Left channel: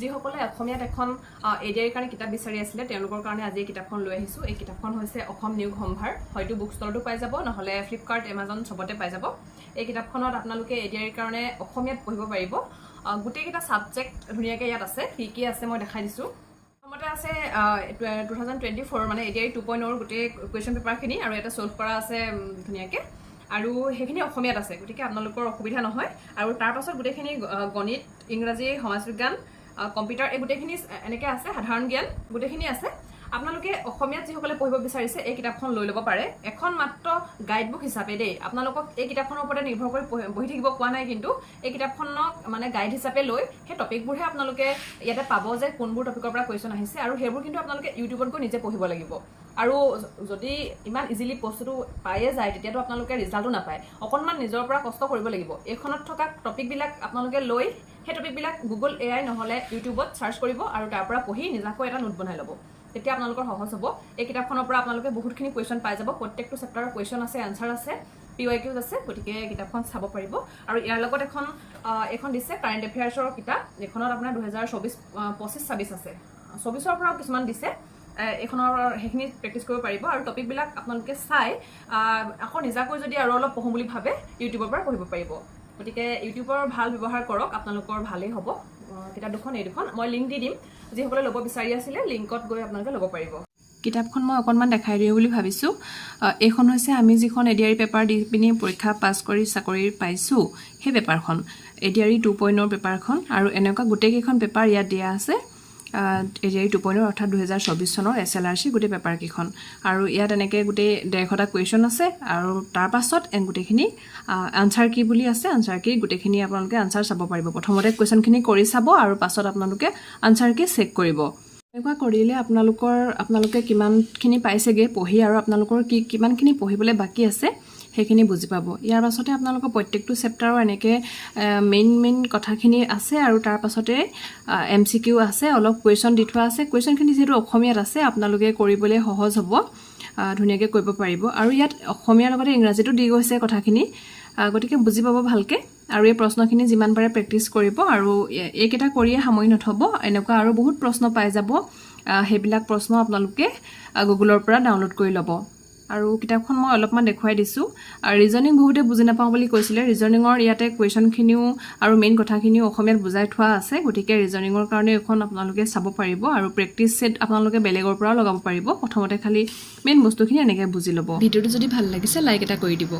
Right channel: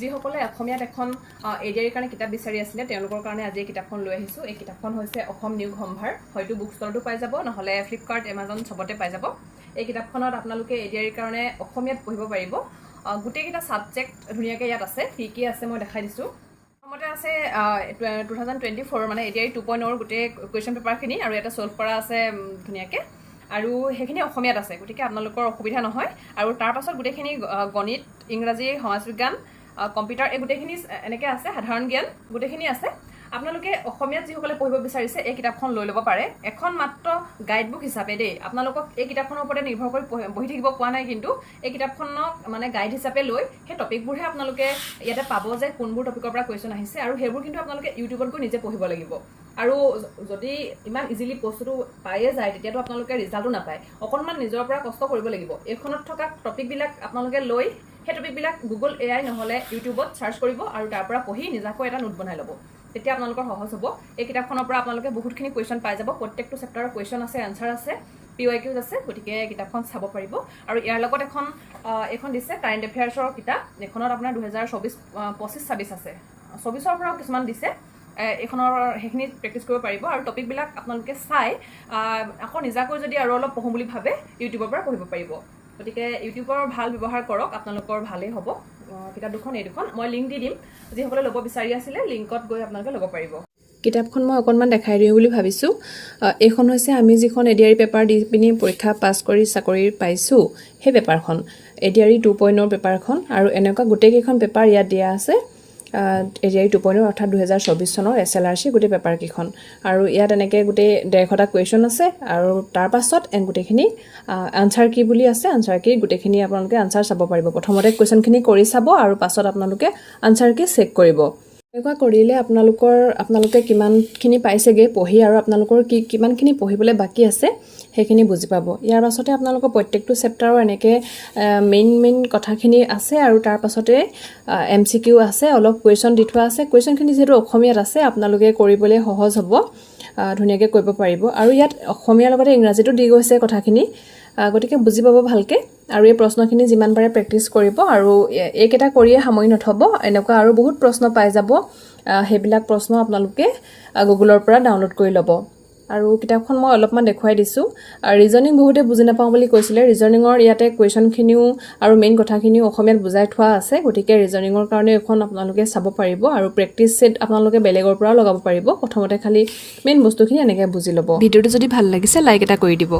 যিসকলে অসমীয়াত এখন এডিআৰিৰ কাৰণে কিতাপ বিচাৰি আছিলে তেওঁলোকৰ কাৰণে আজি এই কিতাপখন লৈ আহিছোঁ। এই কিতাপখন হৈছে অসম নিয়োগ সম্ভাৰ, হয়তো বুক ষ্টলতো পাই যাব, নহ'লে ফ্লিপকাৰ্ট, এমাজন চবতে পাই যাব। এই কিতাপখনত আপোনালোকে এডিআৰিৰ কাৰণে অসমীয়াত পঢ়িব পাৰিব। গোটেইকেইটা ছাবজেক্ট ধুনীয়াকৈ ইয়াত আছে, কি আছে মই দেখাই দিছোঁ। প্ৰথমতে আছে 2024 মানে এডিআৰি 2.0 গোটেই কুৱেশ্যন পেপাৰখিনি, আৰু ইয়াতে ছল্ভ কৰা আছে ধুনীয়াকৈ, আৰু সেইখিনি অসমীয়াত আছে, গতিকে আপোনালোকৰ অসুবিধা নহয়। আৰু তাৰ পাছত গোটেইখিনি গণিত, ইংৰাজী, সমাজ বিজ্ঞান, কম্পিউটাৰ এই গোটেইখিনি এনেকৈ আছে, সাধাৰণ জ্ঞান গোটেইখিনি আছে। আপোনালোকে অসমীয়াত যিসকলে পঢ়িব বিচাৰিছে এই কিতাপখন লৈ ল'ব পাৰে। এখন মাত্ৰ গাইড বুক হিচাপে দেই, আপোনালোকক এই কিতাপখনৰ ওপৰতে নিৰ্ভৰ কৰি বহি থাকিব কোৱা নাই, কিন্তু এই কিতাপখনক মানে গাইড হিচাপে লৈ সেই টপিকবোৰহে আপোনালোকে ইয়াতে পাব যে কোনবোৰ টপিকৰ পৰা কুৱেশ্যন আহিছে, আৰু সেইবোৰ কিন্তু আপোনালোকে ইউটিউবত গৈ নিজে পঢ়িব লাগিব। আৰু যদি ইমান ইজিলি বস্তুটো পায়ে যায় তেতিয়াতো আপোনালোকে ৰিজাল্টো নাপায়, অকণমান নিজৰ পৰা কষ্ট কৰিব লাগিব। এইখনত থকা টপিকবিলাক আপোনালোকে লৈ সেই টপিকবিলাক গুগল AI নহ'লে ইউটিউবত চাৰ্চ কৰিব, আৰু তাৰ পৰা পঢ়ি নিজাকৈ এটা নোট বনাই ল'ব, তেতিয়া আপোনালোকৰ সহজ হ'ব। এই কিতাপখনৰ পৰা আপোনালোকে বহুতখিনি কুৱেশ্যন পাই যাব, প্ৰত্যেকটো চেপ্টাৰৰ কুৱেশ্যন আছে, এনচাৰ আছে, PYQs আছে, গতিকে কিতাপখন চাব পাৰিব। আৰু ইয়াৰ লগত এইখন দিছে কাৰেণ্ট এফেয়াৰ্ছৰ কিতাপ, এইখনত আপোনাৰ 2024-25-26 আছে, 24ৰ পৰাও কিছুমান দিছে। এইখনৰ সেইখিনি প্ৰেক্টিছ কৰিব পাৰিব, আৰু টপিকবিলাক আপোনালোকে চাই আকৌ নিজাকৈ যদি আৰু অলপ পঢ়োঁ বুলি ভাবে ইউটিউবৰ পৰা পঢ়িব পাৰিব। গতিকে ইউটিউবৰ ভাল ব্যৱহাৰ কৰক, আপোনালোকৰ ভালেই হ'ব। কিতাপ দুখন এই দুখন মই লিংক দি দিম, যিসকলে ল'ব বিচাৰি আছিলে লিংকত গৈ আপোনালোকে ল'ব পাৰিব। কিতাপখন মই অকণমান দেখাই দিওঁ বুলি ভাবিছোঁ। এইখন হৈছে আমি যিখন এডিআৰি পেপাৰ দি পিনি পৰীক্ষা পাছ কৰি চাকৰি পাইছোঁ সেই পেপাৰখন, এডিআৰি 2.0 পেপাৰখন, আৰু এনেকুৱা গোটেইকেইখন পেপাৰ ইয়াত দিয়া আছে। এডিআৰি 2.0 অৰ্থাৎ 2024 চনৰ SLRC গোটেই পেপাৰকেইখন, আৰু ইয়াত এনেকৈ গোটেই 150টা কুৱেশ্যন আছে, আৰু তাৰ পাছত গোটেইখিনি আনচাৰ কি বুলি আছে, আনচাৰ কি গোটেইখিনি আপোনালোকে আনচাৰ চাব পাৰিব। প্ৰথমতে কুৱেশ্যনখিনি কৰি চাব, আৰু পাছত আপোনালোকে আনচাৰ কি চেক কৰিব। এনেকুৱা কৰিলে আপোনালোকে কিমানখিনি পাইছেগৈ পঢ়ি, আৰু আপোনালোকৰ কিমানখিনি পঢ়িবলৈ বাকী আছে সেইখিনি বুজি পাব। ইয়াৰ পাছতে আপোনালোকৰ প্ৰত্যেকটো চেপ্টাৰৰ এনেকৈ মেইন কথাখিনি আছে, আৰু তাৰ পাছতে MCQ আছে, অলপ কুৱেশ্যন দি থোৱা আছে। কুৱেশ্যনখিনি যিহেতু অসমীয়াত আছে আপোনালোকে কৰিবলৈ সহজ হ'ব, ধুনীয়াকৈ কৰিব পাৰিব। আৰু ইয়াত অসমীয়াৰ লগতে ইংৰাজীতো দি গৈছে কথাখিনি, গতিকে বুজি পাব ভালকৈ। আৰু এই প্ৰশ্নখিনি যিমান পাৰে প্ৰেক্টিছ কৰিব, আৰু এইকেইটা কৰিয়ে সামৰি নথ'ব, এনেকুৱা আৰু বহুত প্ৰশ্ন পাই যাব। সেইবিলাক প্ৰশ্ন আপোনালোকে গুগলৰ পৰা ডাউনলোড কৰি ল'ব। আৰু কিতাপখন মই অলপমান দেখুৱাই দিছোঁ। ৰিজনিং বহুতে বুজি নাপাওঁ বুলি কৈছিলে, ৰিজনিঙৰ ইয়াতে কুৱেশ্যনখিনিও আৰু মেইন কথাখিনিও অসমীয়াত বুজাই থোৱা আছে, গতিকে ৰিজনিঙৰ কাৰণে এখন আপোনালোকে চাব পাৰিব। আৰু প্ৰেক্টিছ ছেট আপোনালোকে বেলেগৰ পৰাও লগাব পাৰিব। প্ৰথমতে খালি মেইন বস্তুখিনি এনেকৈ বুজি ল'ব। ভিডিঅ'টো যদি ভাল লাগিছে লাইক এটা কৰি দিব।